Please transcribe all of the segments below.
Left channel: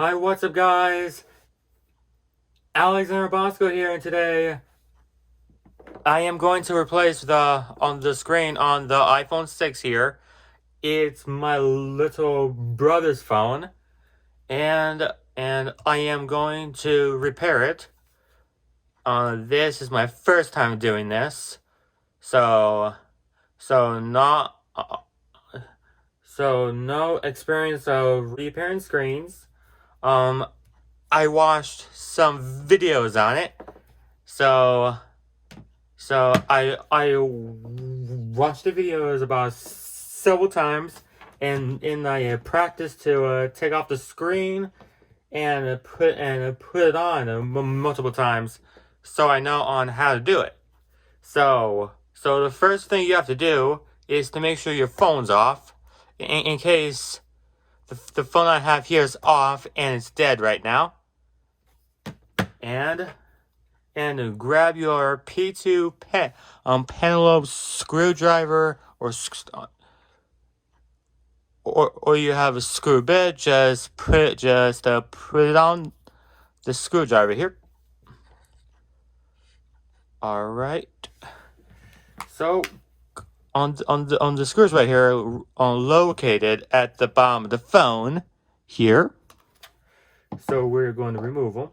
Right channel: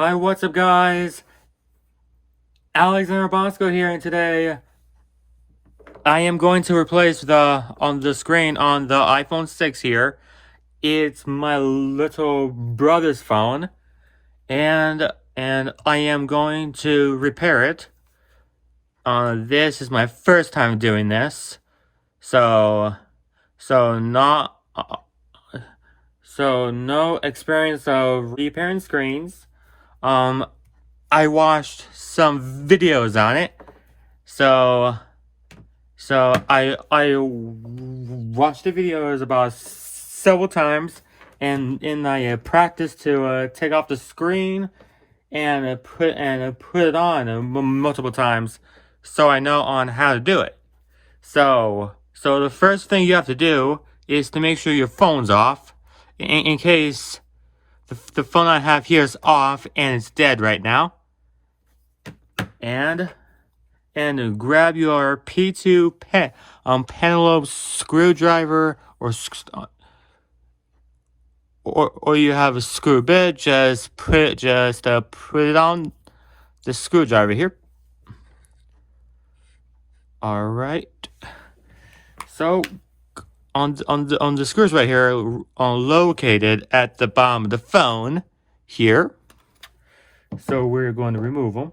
Hi, what's up, guys? Alexander Bosko here, and today I am going to replace on the screen on the iPhone 6 here. It's my little brother's phone, and I am going to repair it. This is my first time doing this, so so not so no experience of repairing screens. Um, I watched some videos on it, so I watched the videos about several times, and I practiced to take off the screen and put it on multiple times, so I know on how to do it. So the first thing you have to do is to make sure your phone's off, in case the phone I have here is off and it's dead right now. And grab your P2 penelope screwdriver, or you have a screw bit. Just put it on the screwdriver here. All right. So on the screws right here are located at the bottom of the phone here. So we're going to remove them.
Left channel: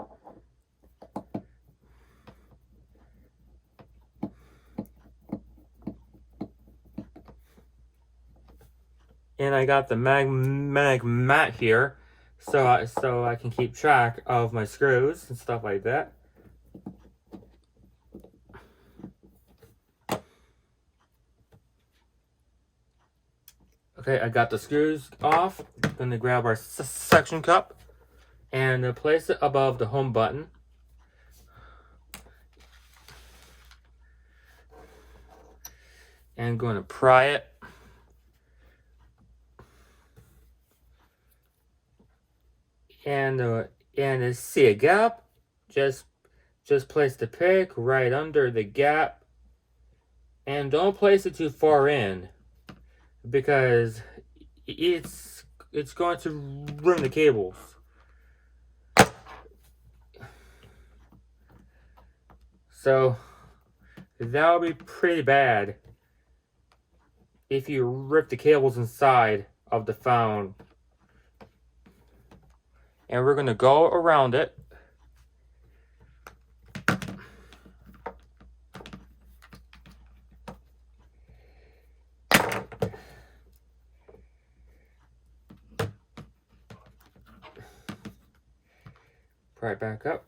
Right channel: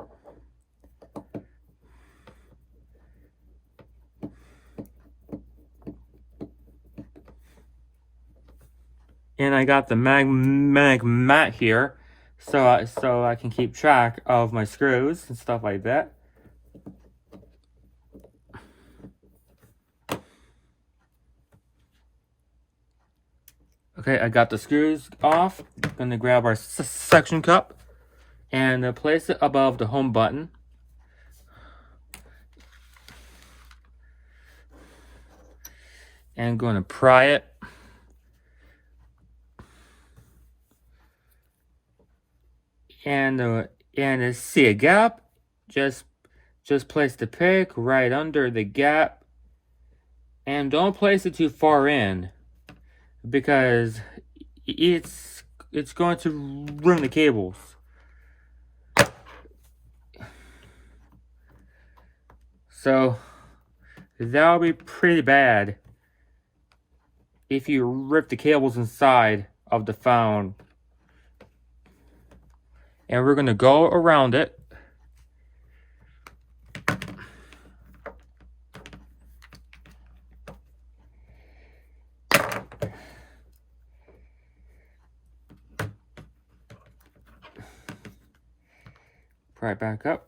And I got the magnetic mat here, so I can keep track of my screws and stuff like that. Okay, I got the screws off. I'm gonna grab our suction cup and place it above the home button. And going to pry it. And see a gap, just place the pick right under the gap, and don't place it too far in, because it's going to ruin the cables. So that'll be pretty bad if you rip the cables inside of the phone. And we're going to go around it. Pry it back up.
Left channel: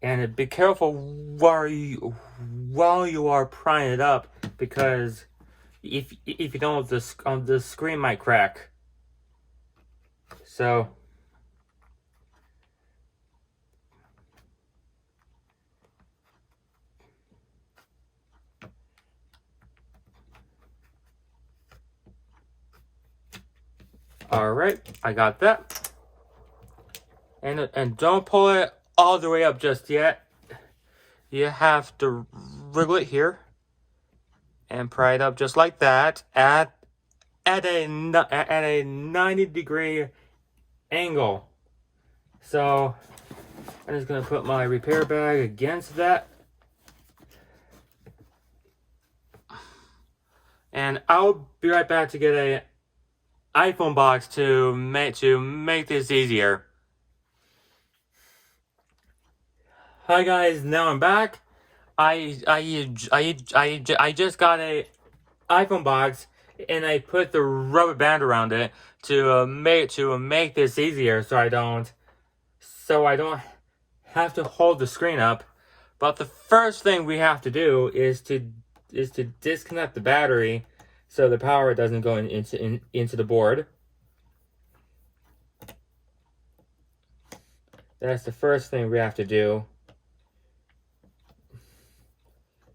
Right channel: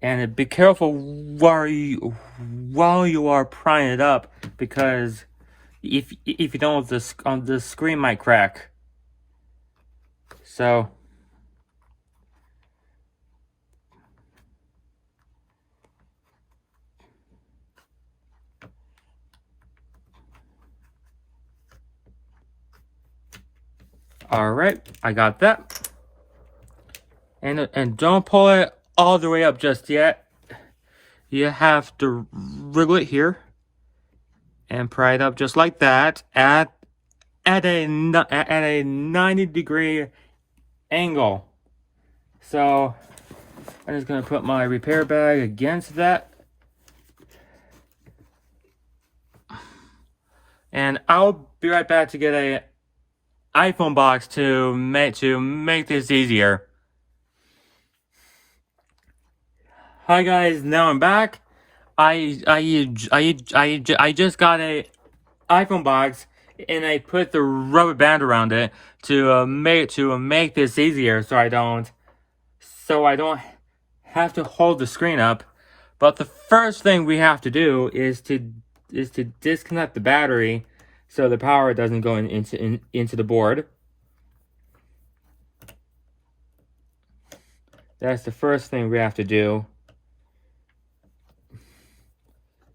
And be careful while you are prying it up, because if you don't, the screen might crack. So all right, I got that. And don't pull it all the way up just yet. You have to wriggle it here and pry it up just like that at a 90-degree angle. So I'm just gonna put my repair bag against that, and I'll be right back to get a iPhone box to make this easier. Hi guys, now I'm back. I just got a iPhone box, and I put the rubber band around it to make this easier, so I don't have to hold the screen up. But the first thing we have to do is to disconnect the battery so the power doesn't go into the board. That's the first thing we have to do.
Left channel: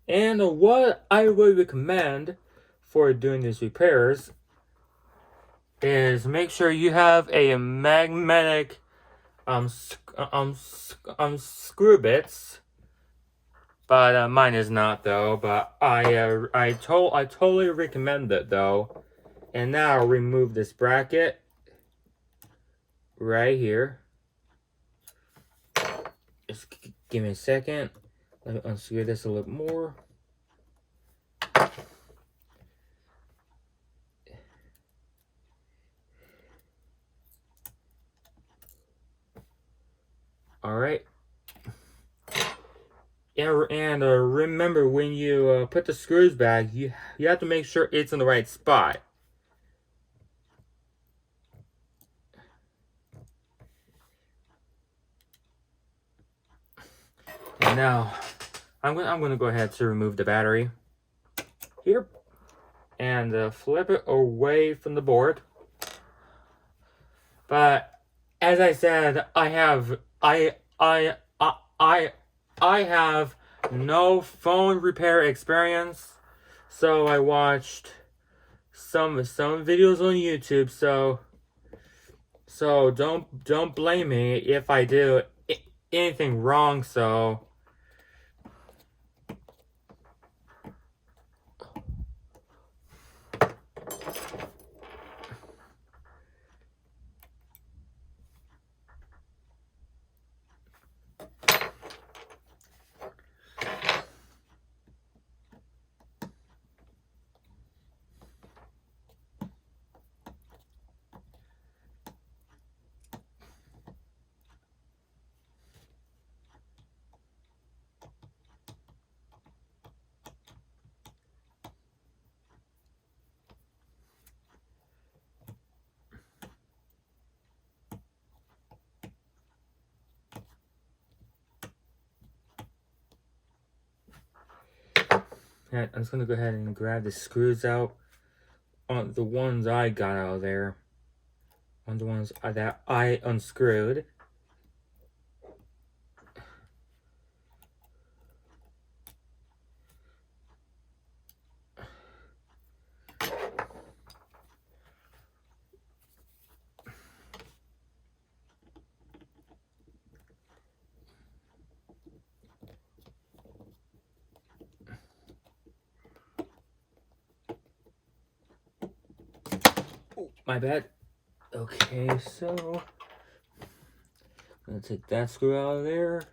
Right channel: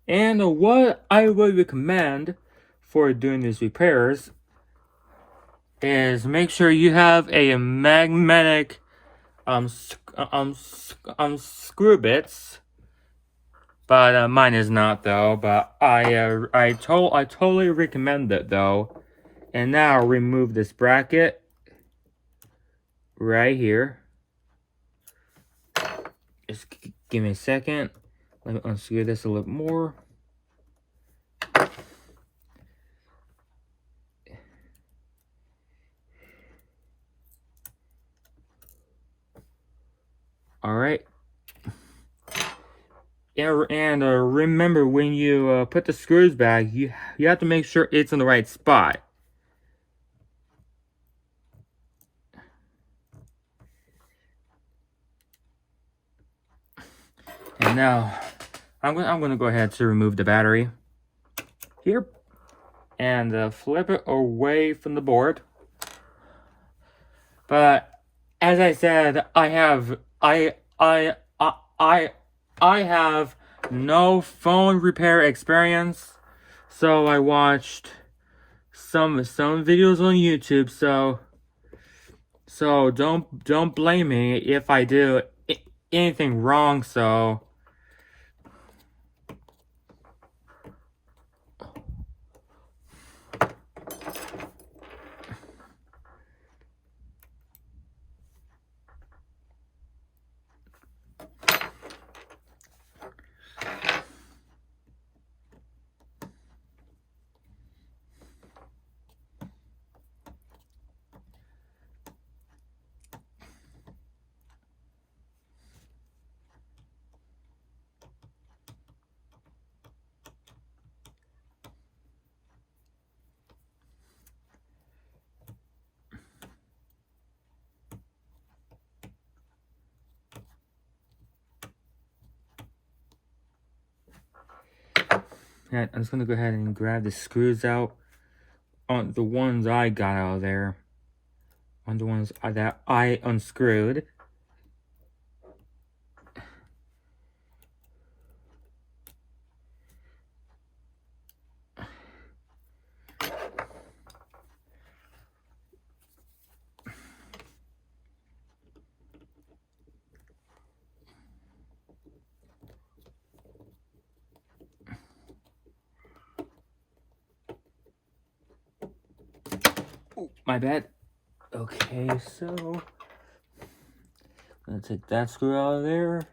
And what I would recommend for doing these repairs is make sure you have a magnetic screw bits. But mine is not though. But I totally recommend it though. And now remove this bracket right here. Just give me a second. Let me unscrew this a little more. All right. Yeah, and remember when you put the screws back, you have to make sure it's in the right spot. And now, I'm gonna go ahead to remove the battery here, and flip it away from the board. But as I said, I have no phone repair experience, so I watched some videos on YouTube. So don't blame me if I do anything wrong. So. Yeah, I'm just gonna go ahead and grab the screws out on the ones I got out of there, on the ones that I unscrewed. My bad. Okay, so I'm gonna take that screw out of there.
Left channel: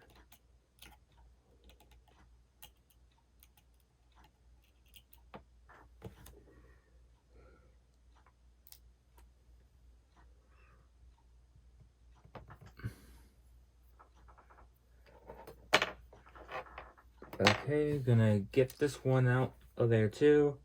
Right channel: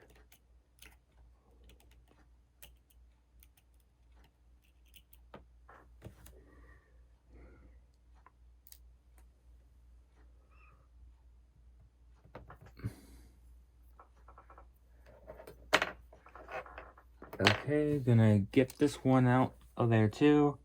Okay, gonna get this one out of there too.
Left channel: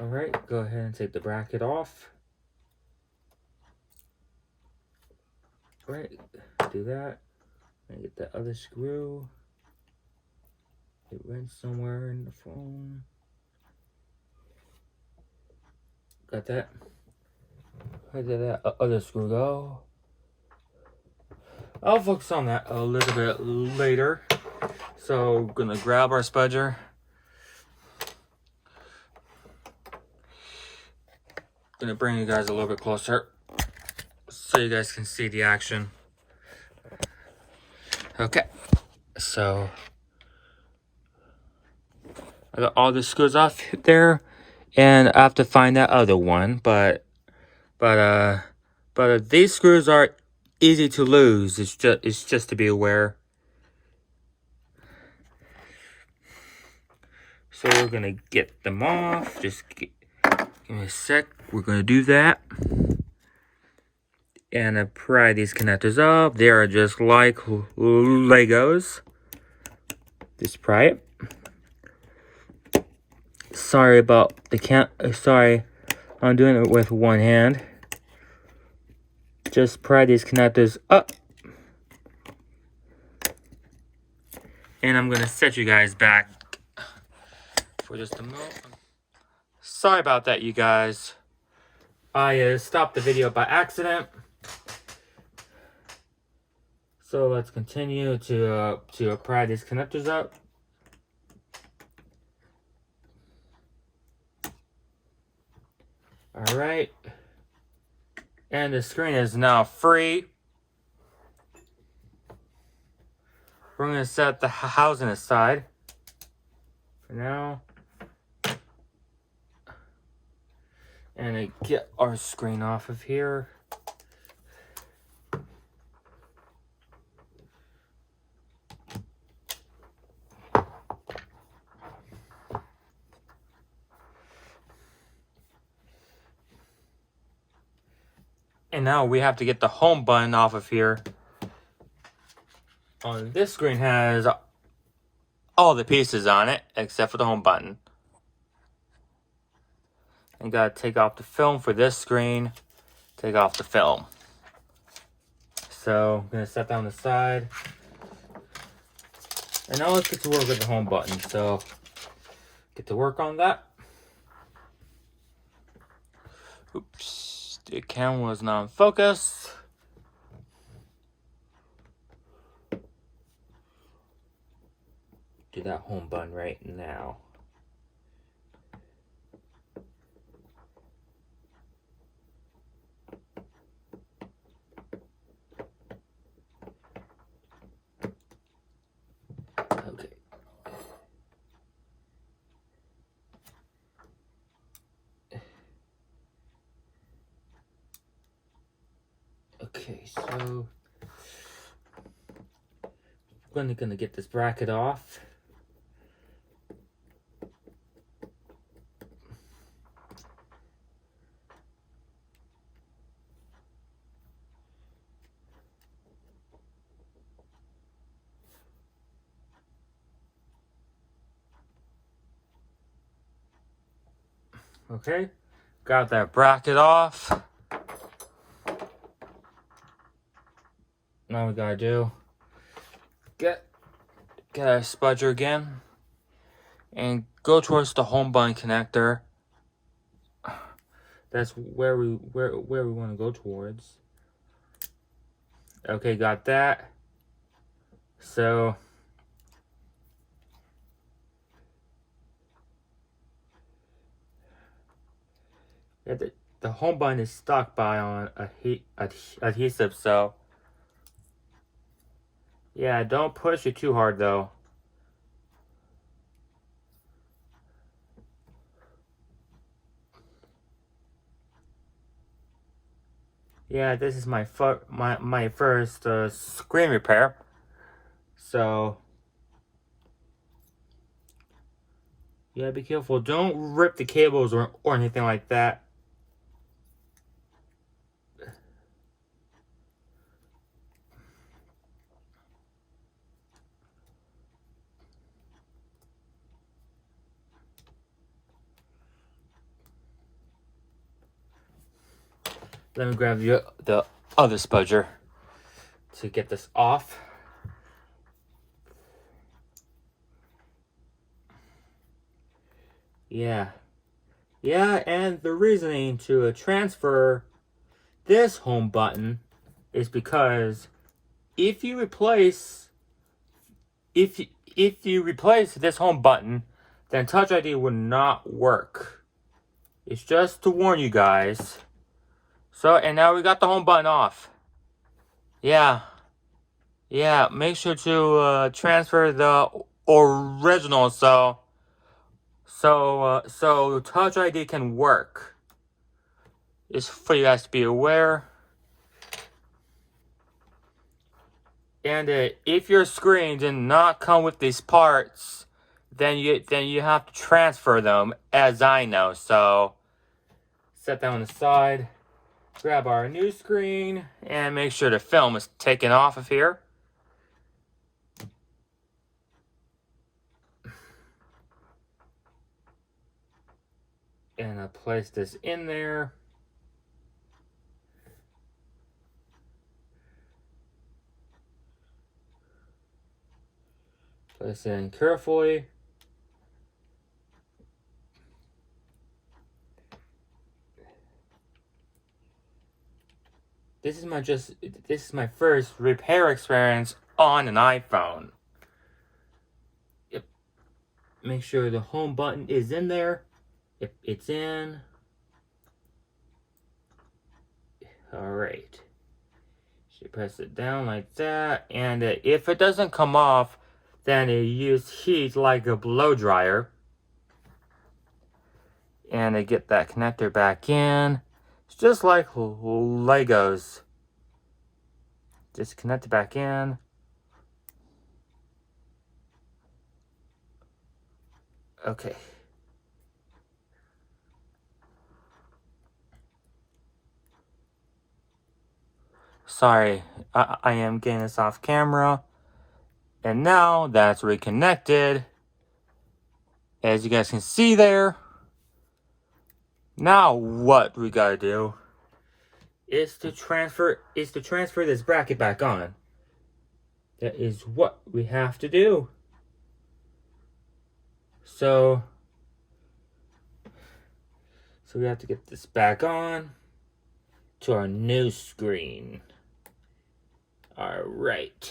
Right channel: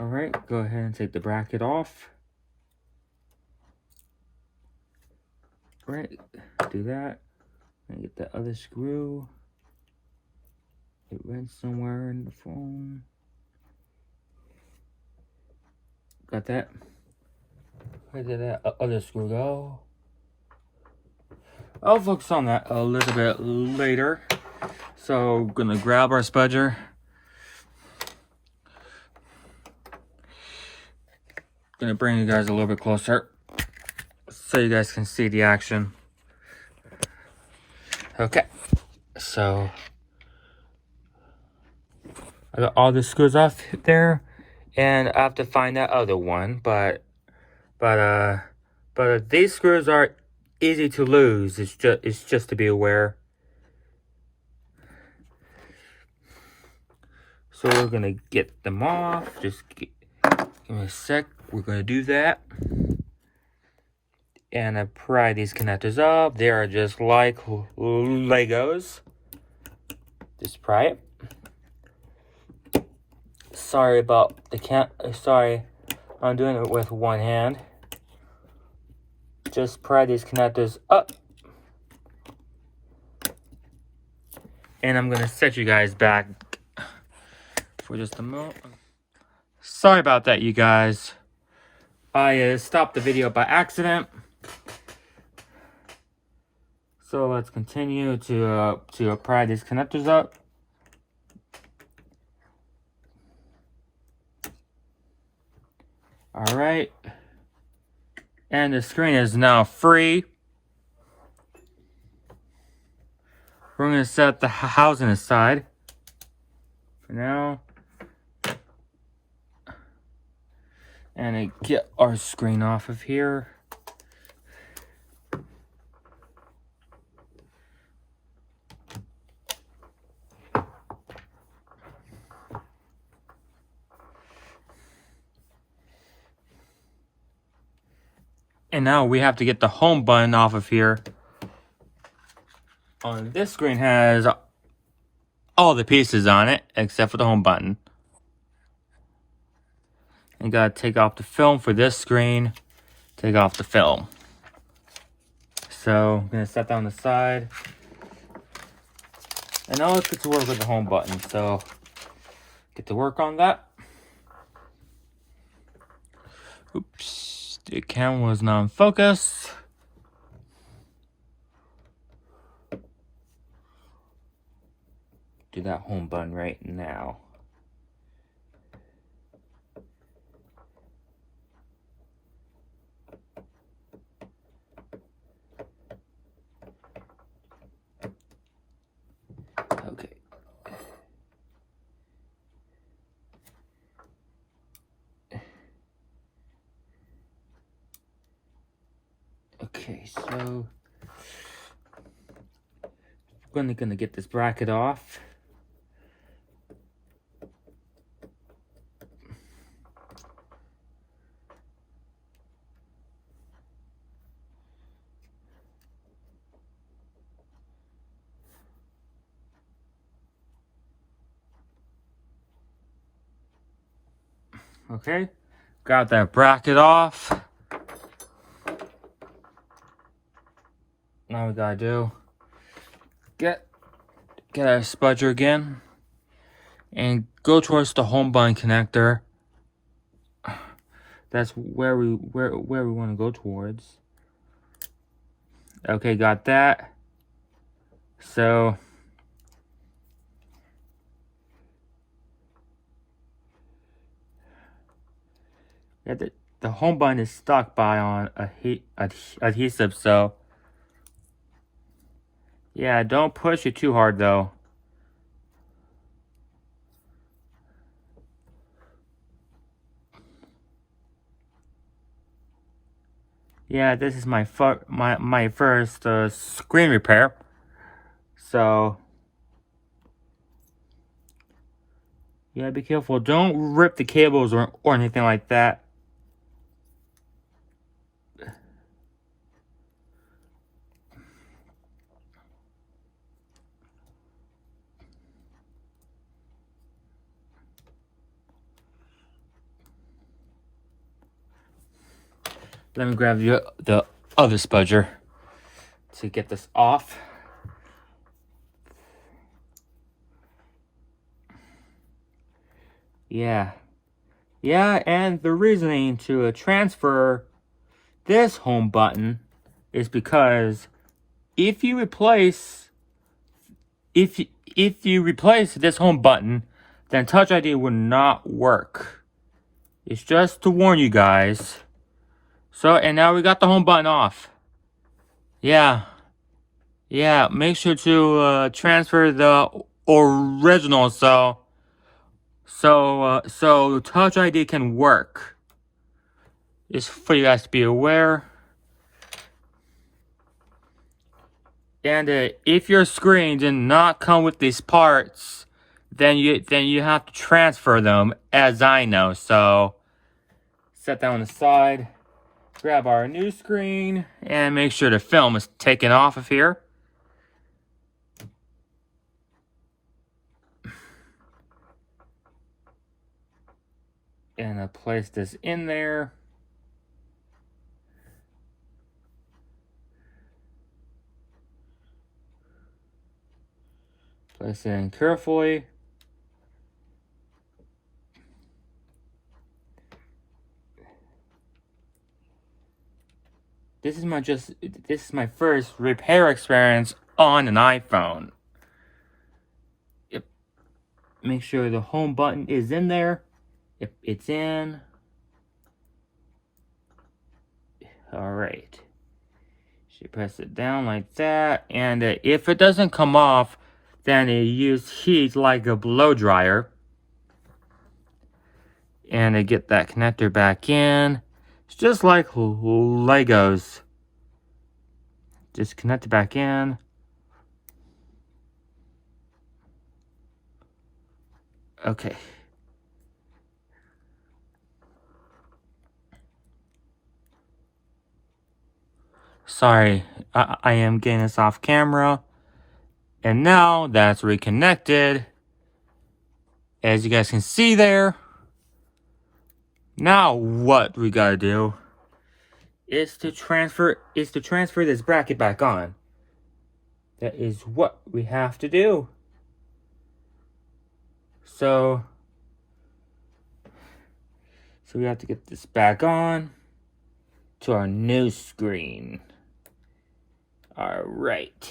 Alright, go ahead and take the bracket off. Alright, do that. And get the other screw. It went somewhere in the phone. Got that? Where did that other screw go? I'll focus on that a little bit later. So, gonna grab our spudger. Gonna bring you guys a little bit closer so you guys can see the action. Okay, so I got all the screws off there, and I have to find that other one. But these screws are easy to lose. It's just to be aware. So we're gonna get them off. Just give me a sec. We're gonna do that. And pry these connectors up. They are just like Legos. Just pry it. Sorry about the sorry, I'm doing it with one hand. just pry these connectors up. And I'm going to set you guys back for just a moment. Sorry about that, you guys. I stopped the video by accident. So let's continue to pry these connectors up. All right. And the screen is now free. We're going to set the housing aside for now. And I get our screen off of here. And now we have to get the home button off of here. This screen has all the pieces on it, except for the home button. You gotta take off the film for this screen, take off the film. So I'm gonna set that on the side. And now let's get to work with the home button. So get to work on that. Oops, the camera was not in focus. Do that home button right now. Okay. Okay, so we're gonna get this bracket off. Okay, got that bracket off. Now we gotta do, get our spudger again and go towards the home button connector. That's where we want to go towards. Okay, got that. So yeah, the home button is stuck on adhesive, so yeah, don't push it too hard though. Yeah, this is my first screen repair, so yeah, be careful. Don't rip the cables or anything like that. Let me grab the other spudger to get this off. Yeah, and the reasoning to transfer this home button is because if you replace this home button, then Touch ID will not work. It's just to warn you guys. So, and now we got the home button off. Yeah, make sure to transfer the original so Touch ID can work. Just for you guys to be aware. And if your screen did not come with these parts, then you have to transfer them, as I know. So set that on the side. Grab our new screen and make sure the film is taken off of here. And I place this in there. Place it in carefully. This is my first repair experience on an iPhone. Make sure the home button is in there. If it's in. Alright. You press it down like that, and if it doesn't come off, then you use heat like a blow dryer. And I get that connector back in. It's just like Legos. Just connect it back in. Okay. Sorry, I am getting this off camera. And now that's reconnected. As you guys can see there. Now what we gotta do is to transfer this bracket back on. That is what we have to do. So we have to get this back on to our new screen. All right.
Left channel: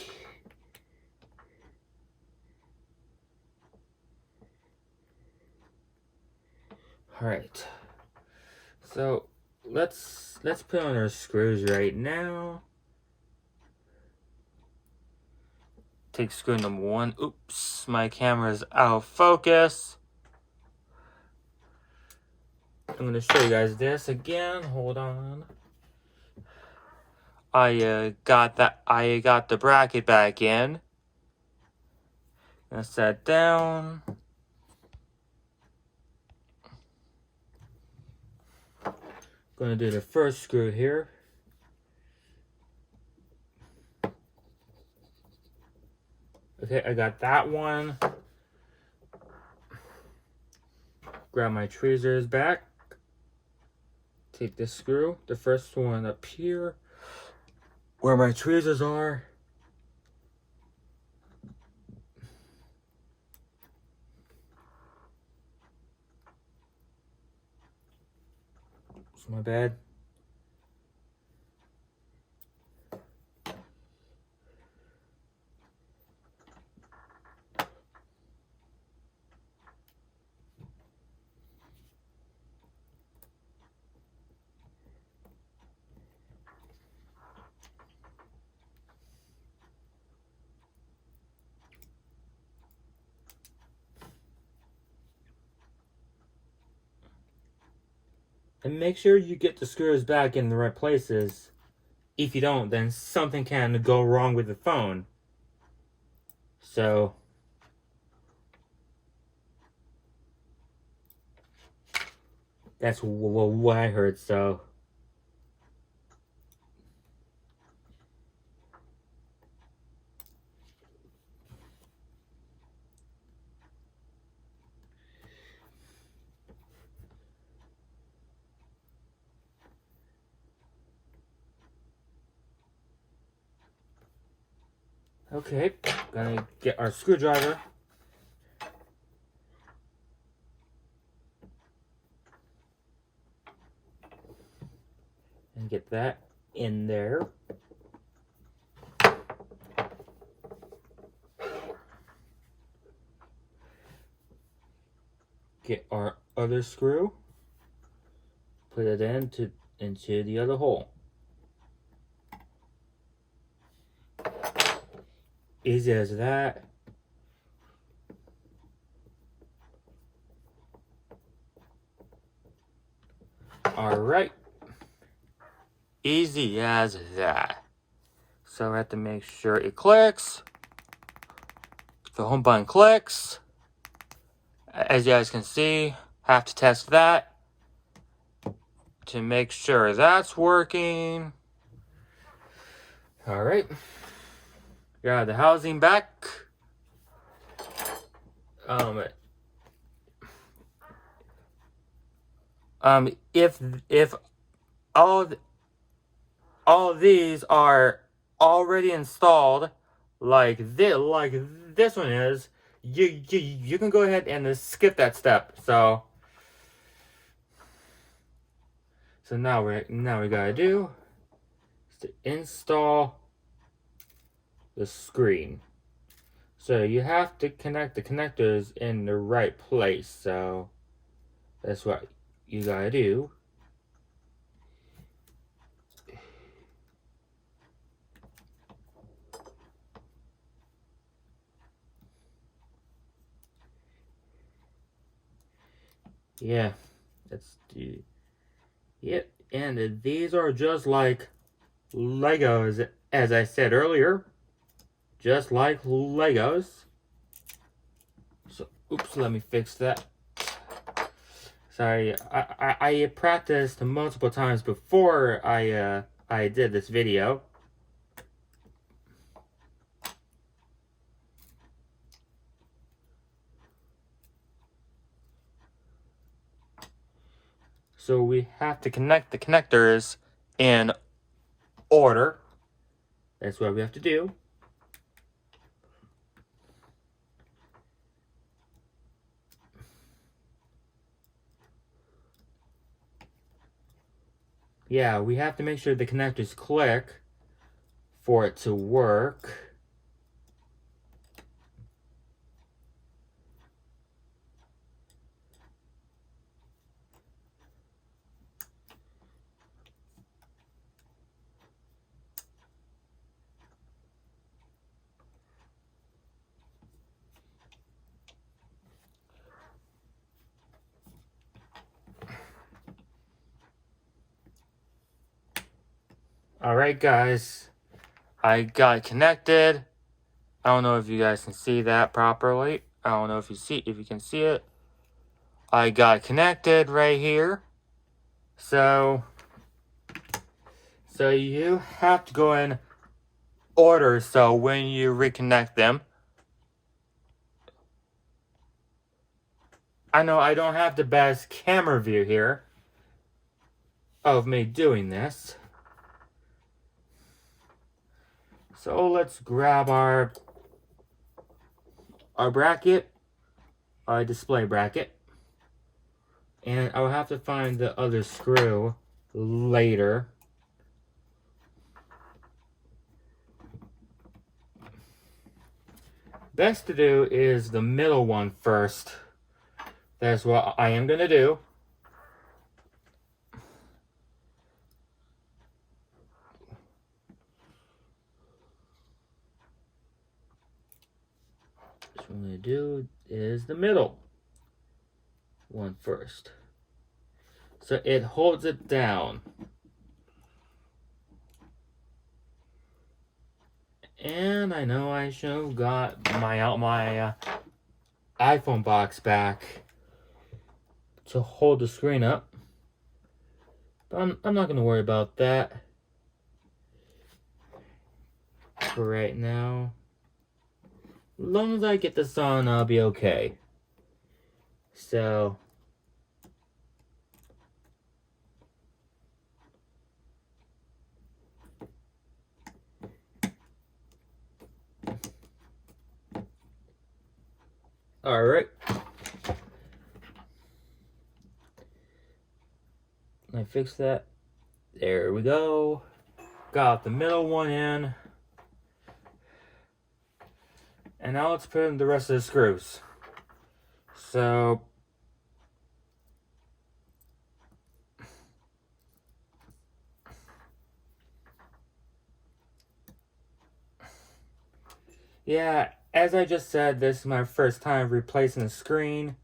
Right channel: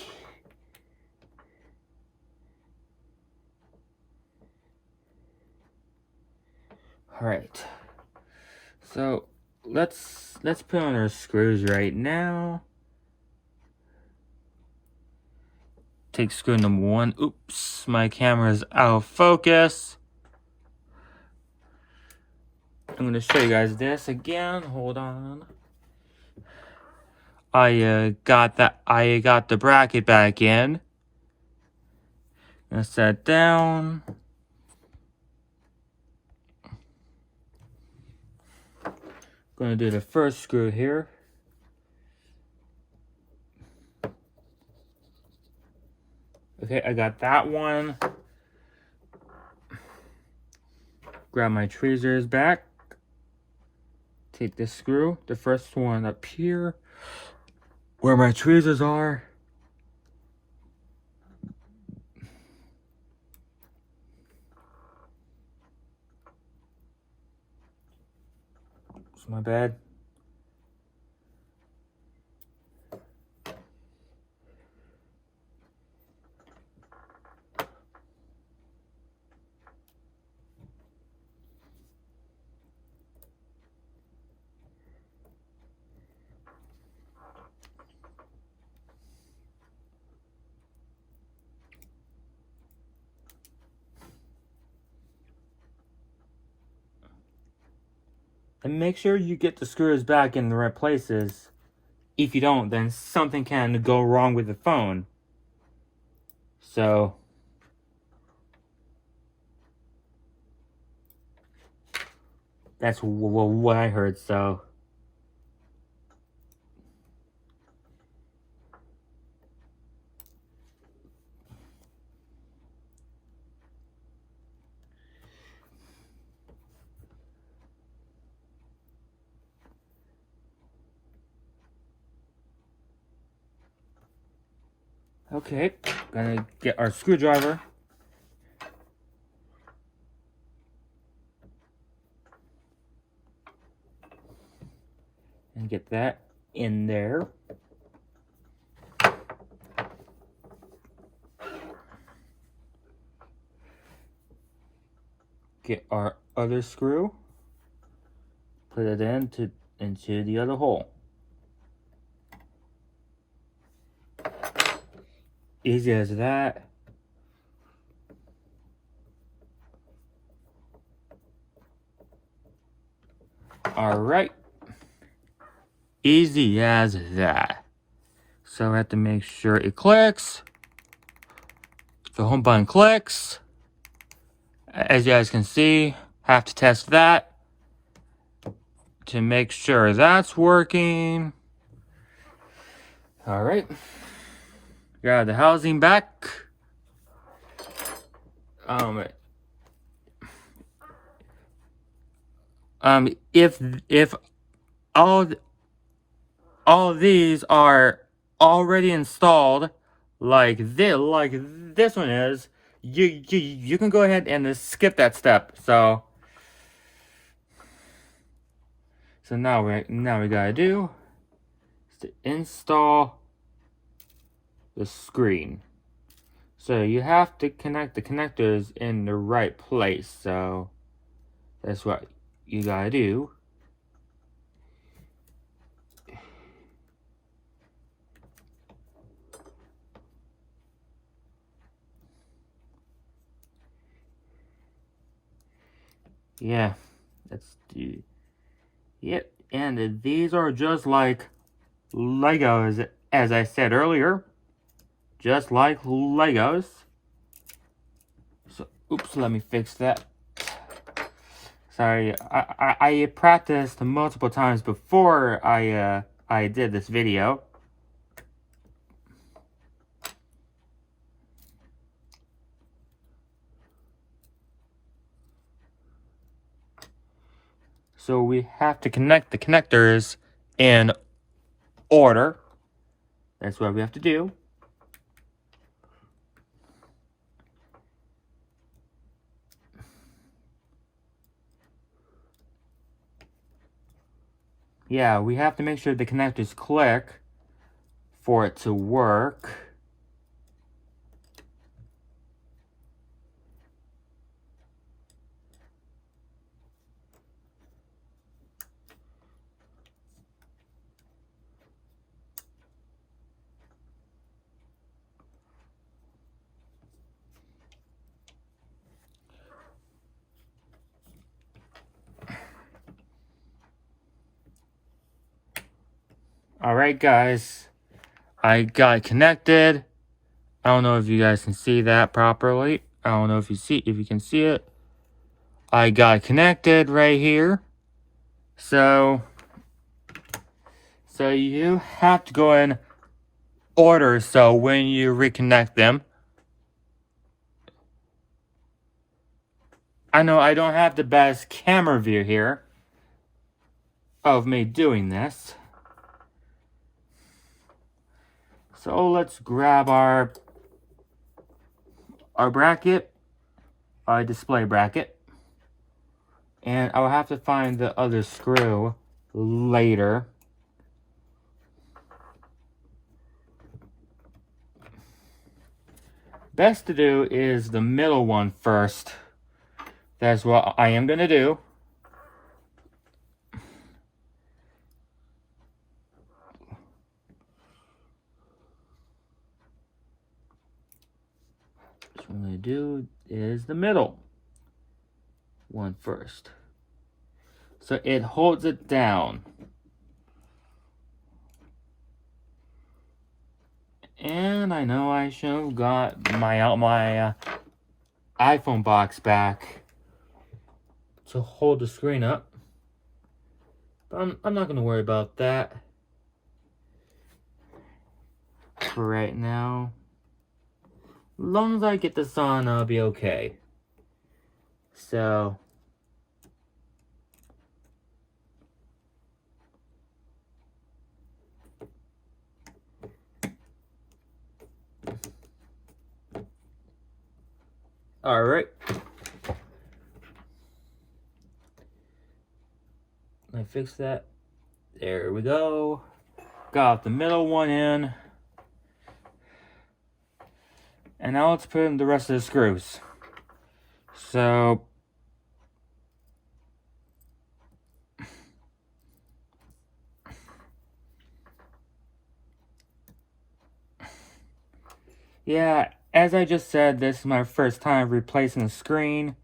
All right. So let's put on our screws right now. Take screw number 1. Oops, my camera's out of focus. I'm gonna show you guys this again. Hold on. I got the bracket back in. And set down. Gonna do the first screw here. Okay, I got that one. Grab my tweezers back. Take this screw, the first one up here, where my tweezers are. It's my bad. And make sure you get the screws back in the right places. If you don't, then something can go wrong with the phone. So that's what I heard, so. Okay, gonna get our screwdriver. And get that in there. Get our other screw. Put it into the other hole. Easy as that. All right. Easy as that. So I have to make sure it clicks. The home button clicks. As you guys can see, have to test that to make sure that's working. All right. Grab the housing back. If all of these are already installed, like this one is, you can go ahead and skip that step. So now we gotta do is to install the screen. So you have to connect the connectors in the right place. So that's what you gotta do. Yeah, let's do. Yep, and these are just like Legos, as I said earlier. Just like Legos. So, oops, let me fix that. Sorry, I practiced multiple times before I did this video. So we have to connect the connectors in order. That's what we have to do. Yeah, we have to make sure the connectors click for it to work. Alright guys, I got connected. I don't know if you guys can see that properly. I don't know if you can see it. I got connected right here. So you have to go in order. So when you reconnect them, I know I don't have the best camera view here of me doing this. So let's grab our bracket, our display bracket. And I'll have to find the other screw later. Best to do is the middle one first. That's what I am going to do. What I'm going to do is the middle one first. So it holds it down. And I know I should have got my iPhone box back to hold the screen up. But I'm not going to worry about that for right now. As long as I get this on, I'll be okay. So alright. I fixed that. There we go. Got the middle one in. And now let's put in the rest of the screws. So yeah, as I just said, this is my first time replacing the screen.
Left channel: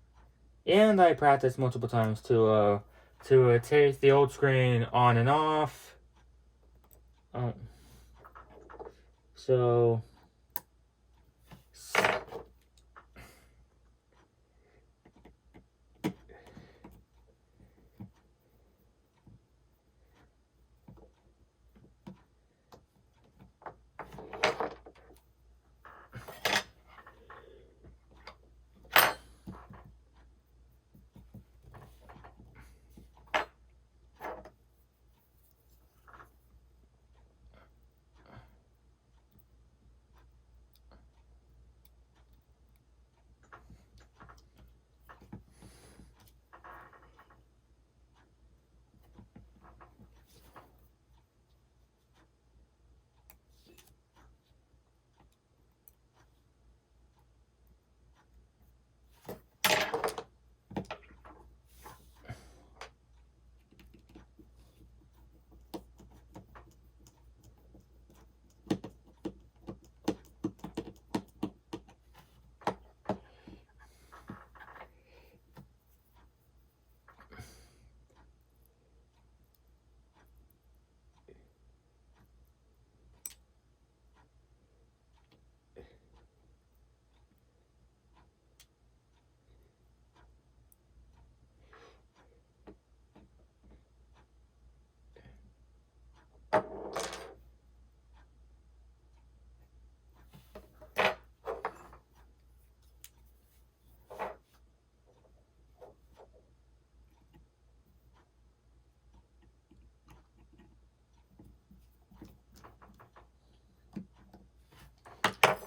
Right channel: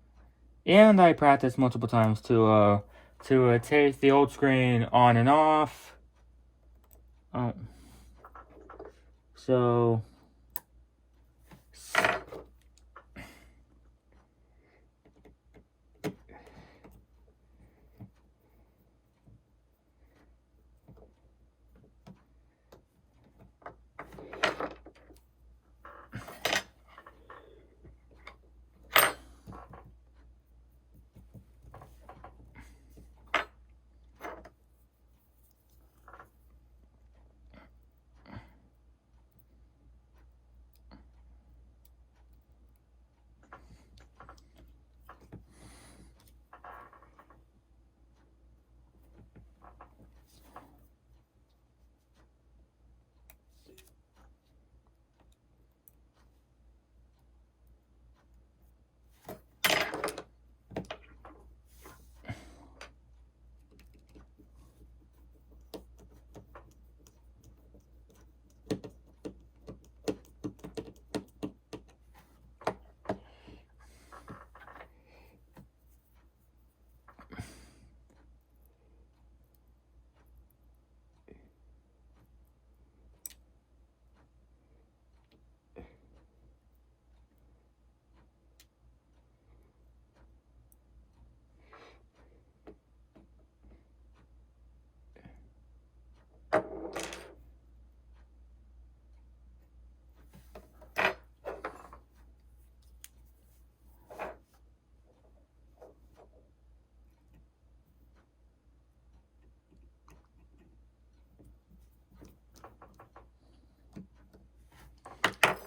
And I practiced multiple times to take the old screen on and off. So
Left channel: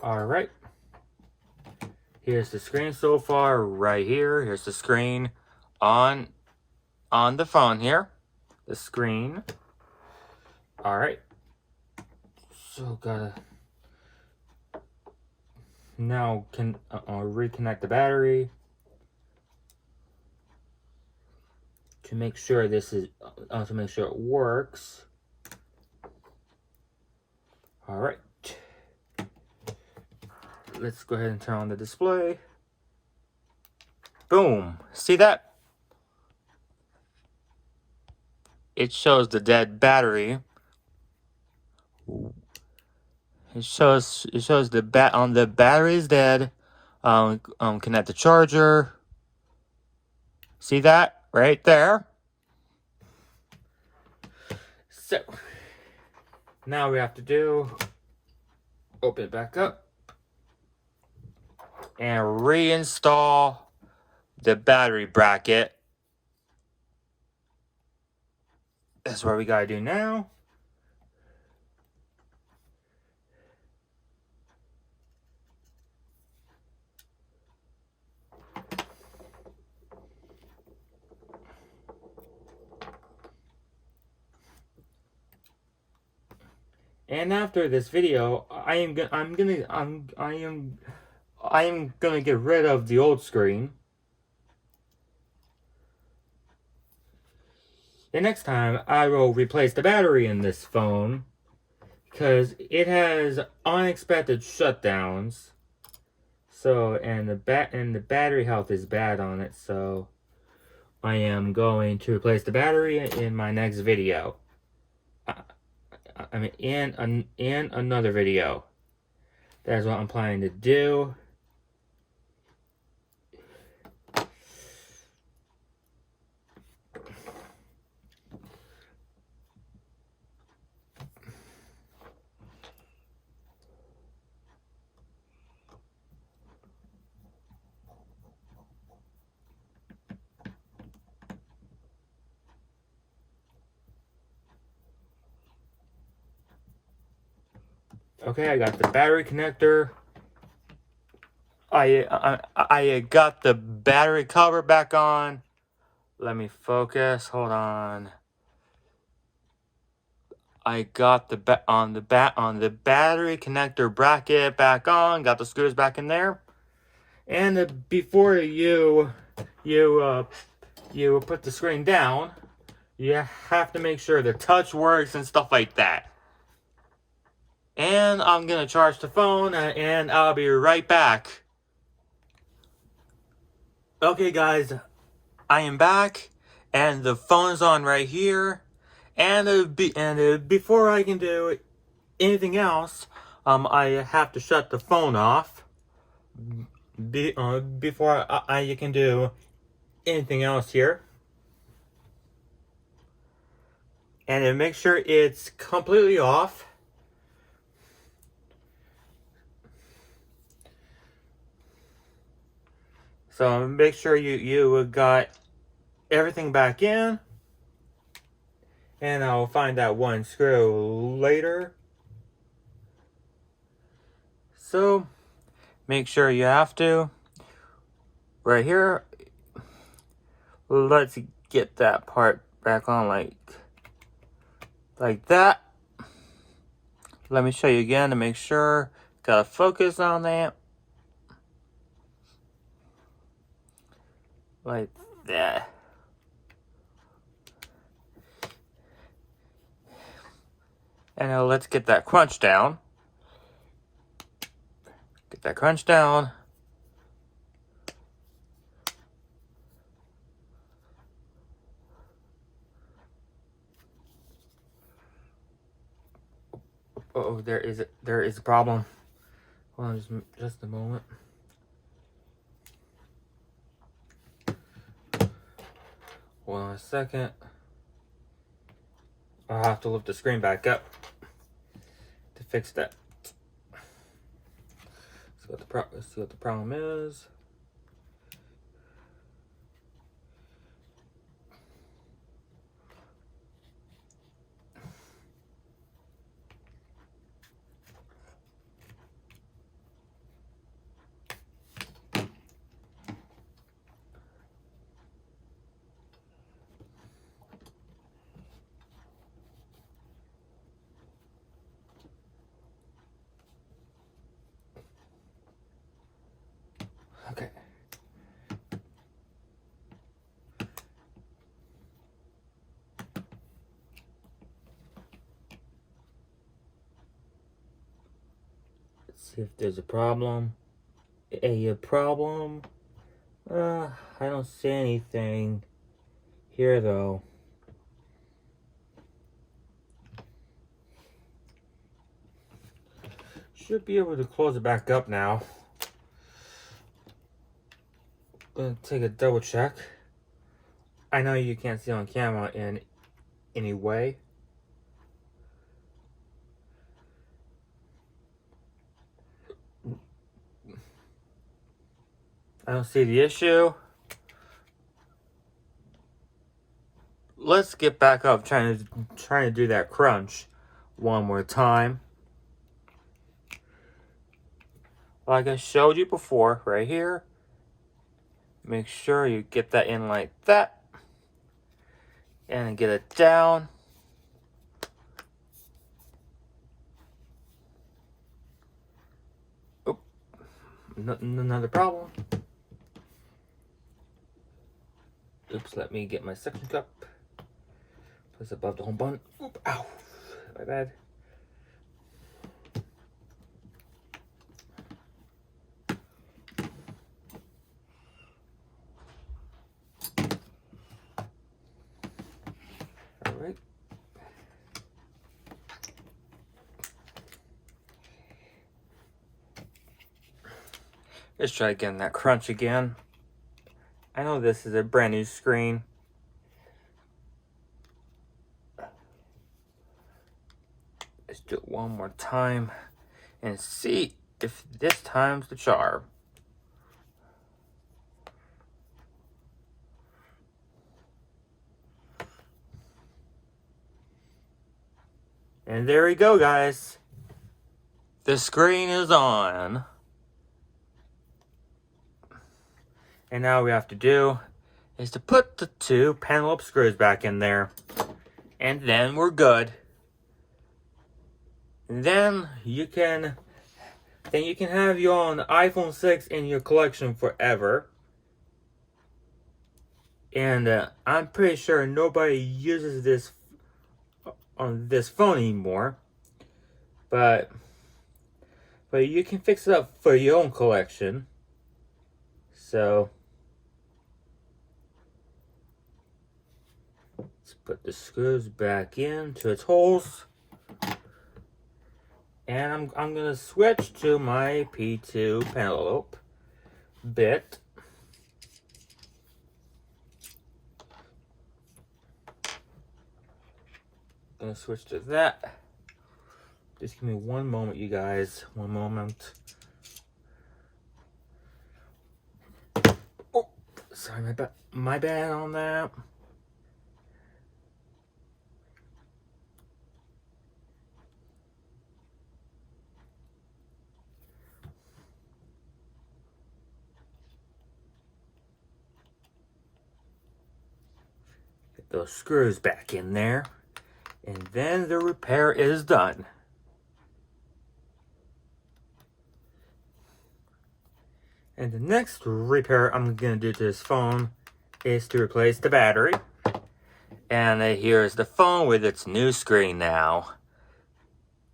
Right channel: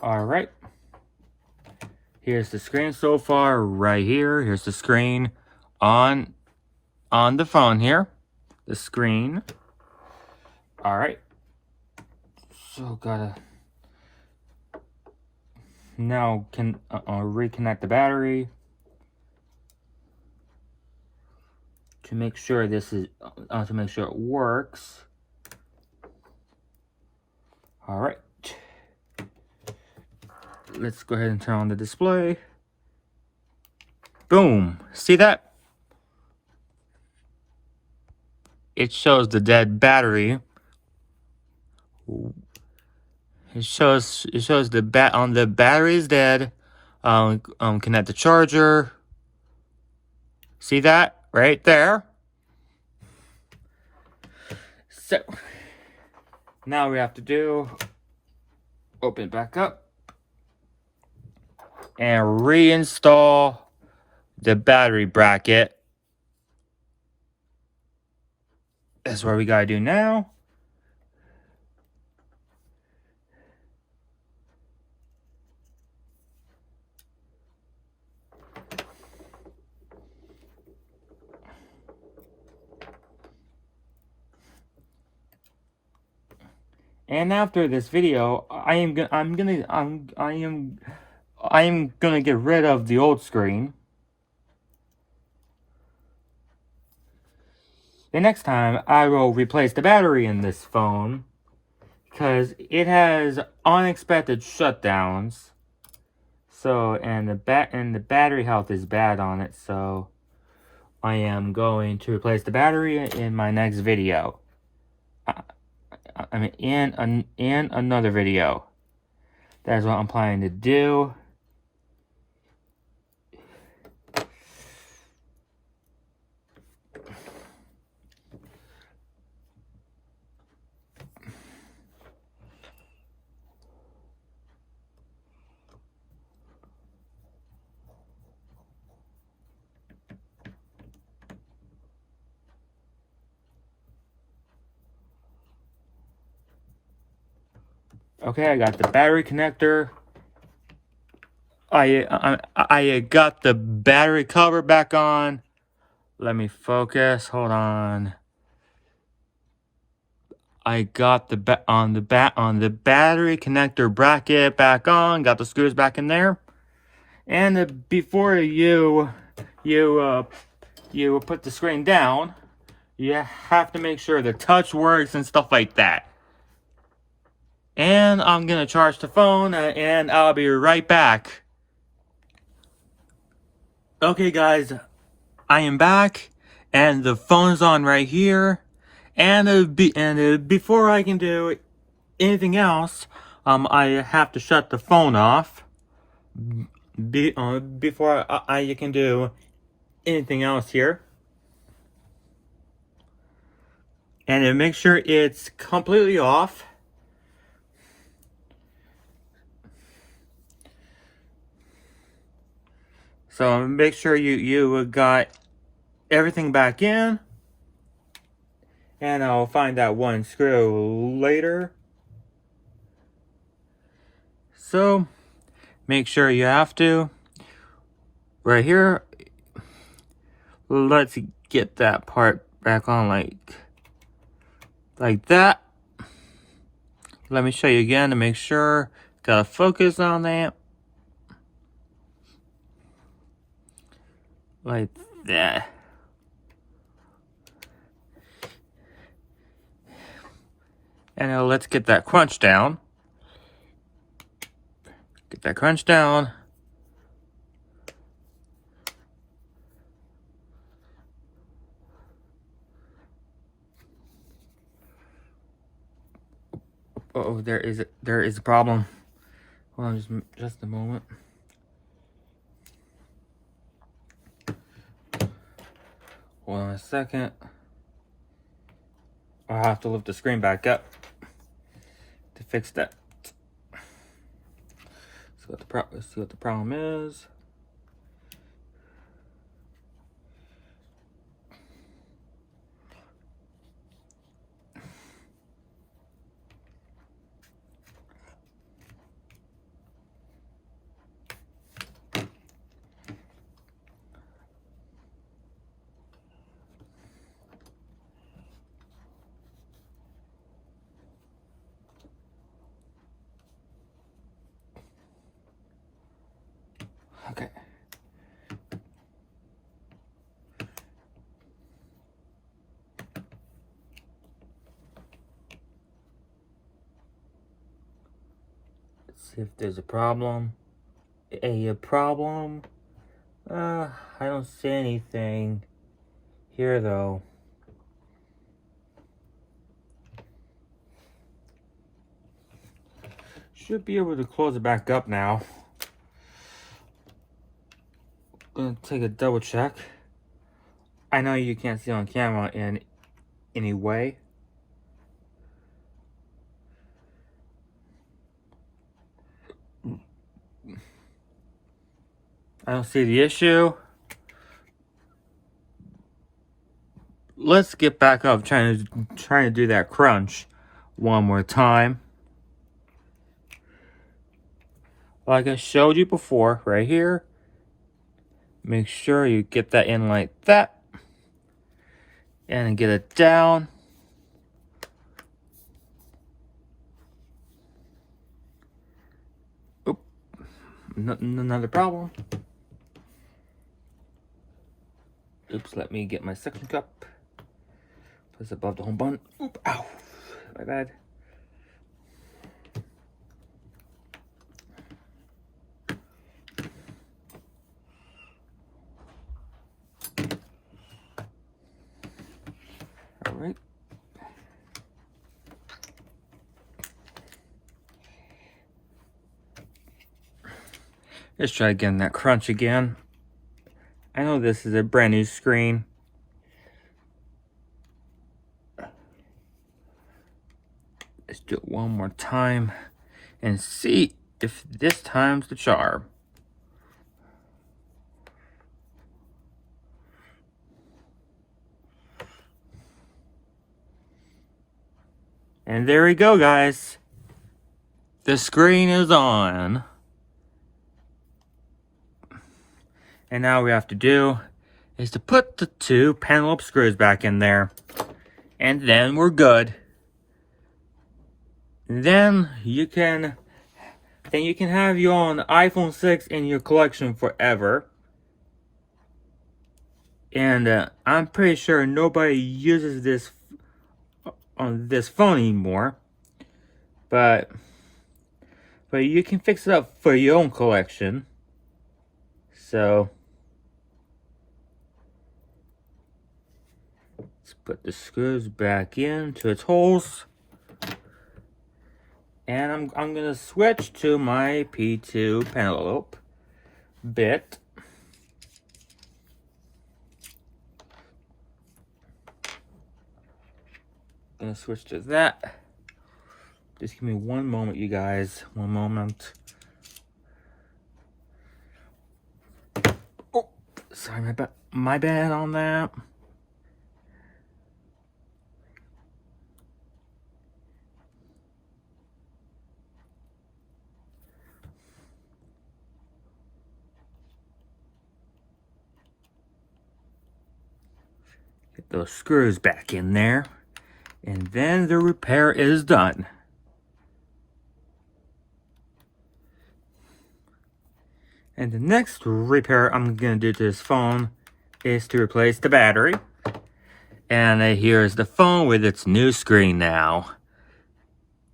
Alright. Here's the screen so far, right here. Here's the screen on the phone here. The screen. Alright. So gotta now can reconnect the battery to make sure this is to make sure it works. Alright. Let's go ahead and turn on the display. Boom. See that? It shows the dead battery. It shows the battery is dead. Connect the charger. See that right there? So now we have to do open it back up and reinstall the battery bracket. That's what we gotta do now. And after this video, I am gonna get rid of the old screen. And next time, I will replace the battery in this phone because it has unexpected shutdowns. So, and the battery health is bad on it. So, I am going to replace the battery in my next video. I mean, in another video. That's what I'm planning to do. Okay, I got the battery connector. I got the battery cover back on. Let me focus. Hold on. I got the battery connector bracket back on. Got the screws back in there. And before you put the screen down, you have to make sure the touch works and stuff like that. And I'm gonna charge the phone, and I'll be right back. Okay, guys, I am back, and the phone is on right here. And before I can do anything else, I have to shut the phone off. Before I can do anything else here. And make sure it's completely off. So make sure you got everything back in. And I'll find that one screw later. So make sure you have to. Right here. Let's get that part back on like that. Let me show you again to make sure. Gotta focus on that. Like that. And now let's get that crunch down. Get that crunch down. Oh, there is a problem. Hold on just a moment. Hold on a second. I'll have to lift the screen back up to fix that. Let's see what the problem is. See if there's a problem. A problem? I don't see anything here though. Should be able to close it back up now. Gonna take a double check. I know you can't see on camera in any way. I don't see the issue. Let's get back up trying to do that crunch one more time. Like I showed you before, right here. Make sure you get that in like that. And get it down. Oop. Another problem. Oops, let me get my suction cup. Place above the home button. Oop, ow. My bad. Alright. Let's try getting that crunch again. I know this is a brand new screen. Let's do it one more time and see if this time's the charm. And there we go, guys. The screen is on. And now all we have to do is to put the two penelope screws back in there. And then we're good. And then you can have your own iPhone 6 in your collection forever. And I'm pretty sure nobody uses this on this phone anymore. But you can fix it up for your own collection. So let's put the screws back into its holes. And I'm gonna switch to my P2 penelope bit. Gonna switch to that. Just give me one moment, you guys. One moment. Oh, sorry, my bad on that. Get those screws back in there. And then the repair is done. And the next repair I'm gonna do to this phone is to replace the battery. And here's the phone with its new screen now.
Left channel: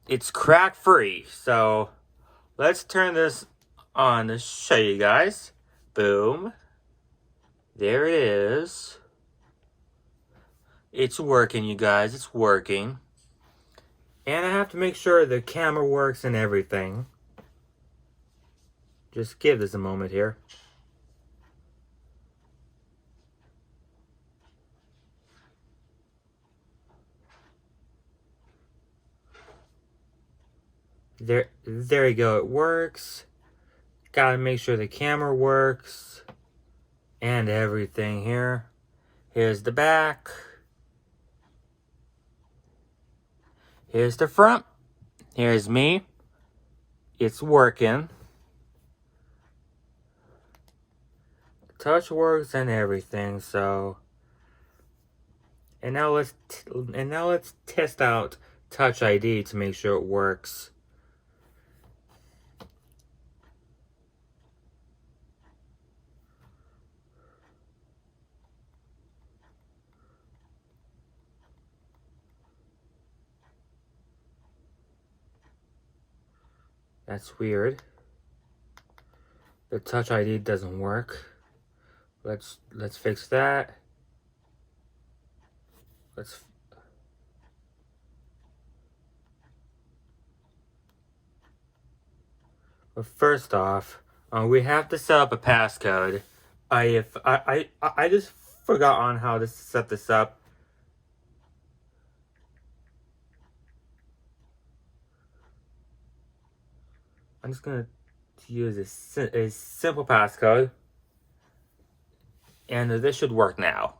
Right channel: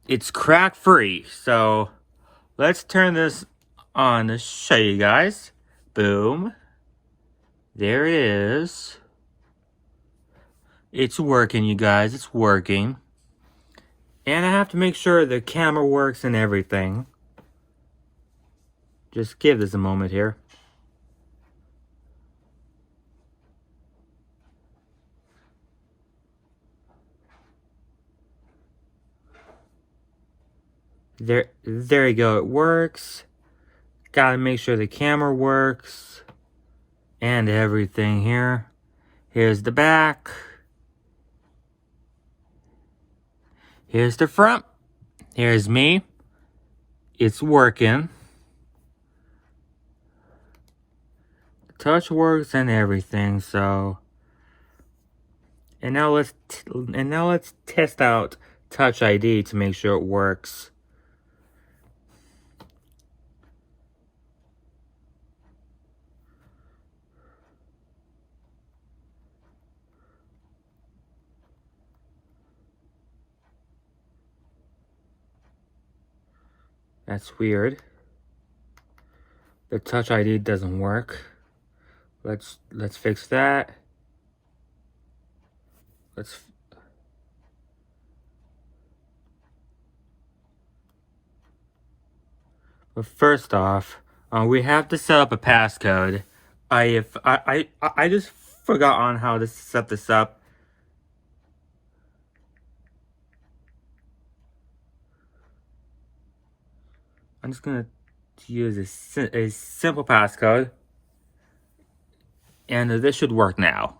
It's crack free, so let's turn this on to show you guys. Boom. There it is. It's working, you guys, it's working. And I have to make sure the camera works and everything. Just give this a moment here. There you go, it works. Gotta make sure the camera works. And everything here. Here's the back. Here's the front. Here's me. It's working. Touch works and everything, so. And now let's test out Touch ID to make sure it works. That's weird. The Touch ID doesn't work. Let's fix that. Well, first off, we have to set up a passcode. I just forgot on how to set this up. I'm just gonna use a simple passcode, and this should work now.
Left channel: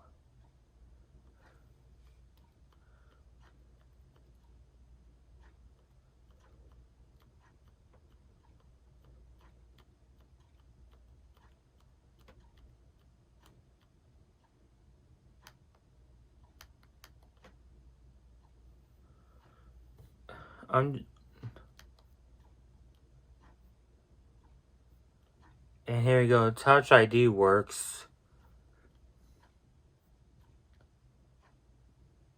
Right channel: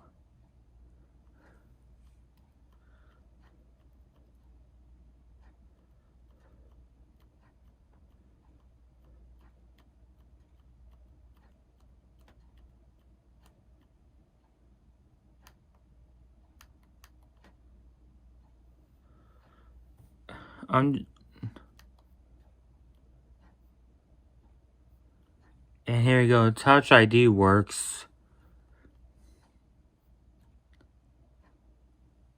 And here you go, Touch ID works.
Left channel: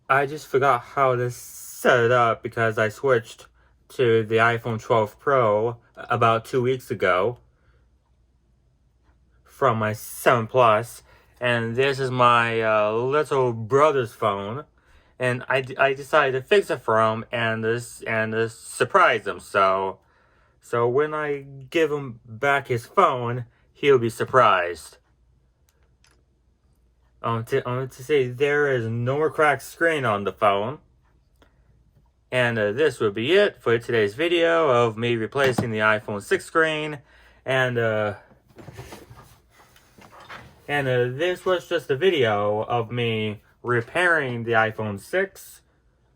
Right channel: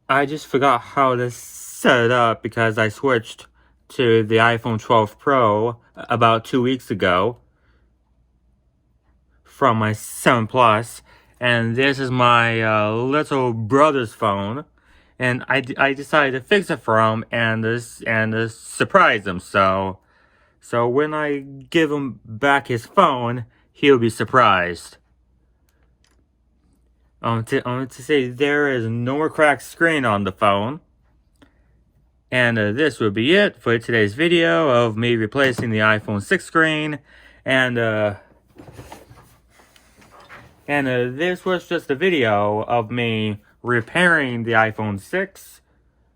I just forgot how to set it up because I switched to the iPhone 12 Pro about 2 weeks ago from my 7 Plus, and this is my little brother's phone, and I decided to fix it for him and surprise him. So when I give him back his phone, he'll be surprised. To say there is no more cracked screen on the phone. And this will be it for today's video of me replacing the iPhone 6 screen. And this was just a video of me repairing the iPhone 6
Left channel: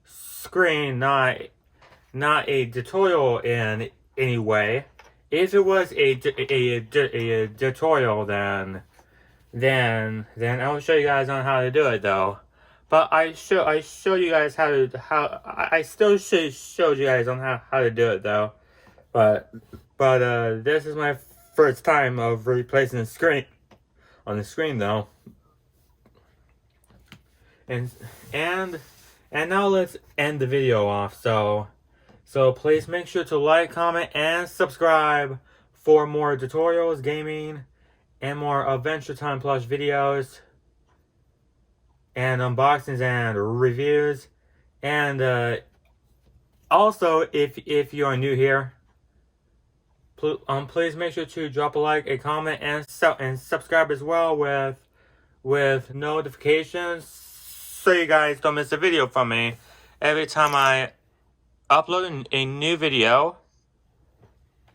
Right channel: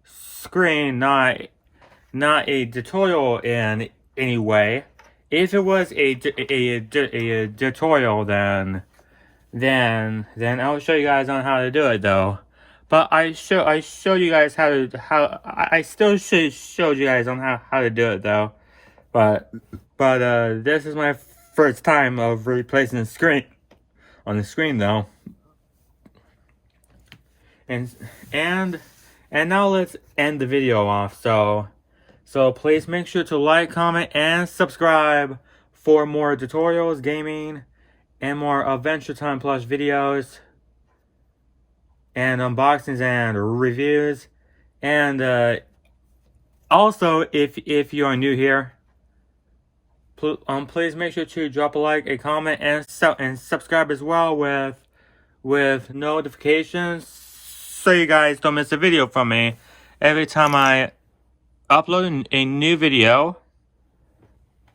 screen, not a tutorial in any way. If it was a tutorial, then I'll show you guys on how to do it though. But I showed you guys I still showed you guys on how to do it though. But this is my first time of replacing the screen on the screen though. And now let's end the video off. So please make sure to like, comment, and subscribe for more tutorials, gaming, and more Adventure Time Plus videos, and unboxings and reviews. And also, if you are new here, please make sure to drop a like, a comment, and subscribe as well with notifications, so you guys don't miss a video from me every time I upload a new video,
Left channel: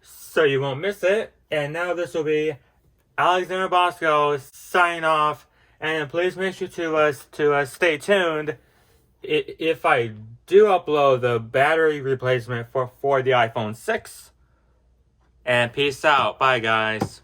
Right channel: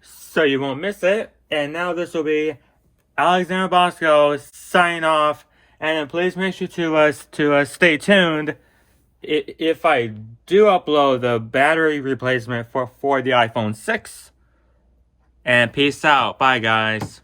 so you won't miss it. And now this will be Alexander Bosko signing off, and please make sure to stay tuned if I do upload the battery replacement for the iPhone 6. And peace out. Bye, guys.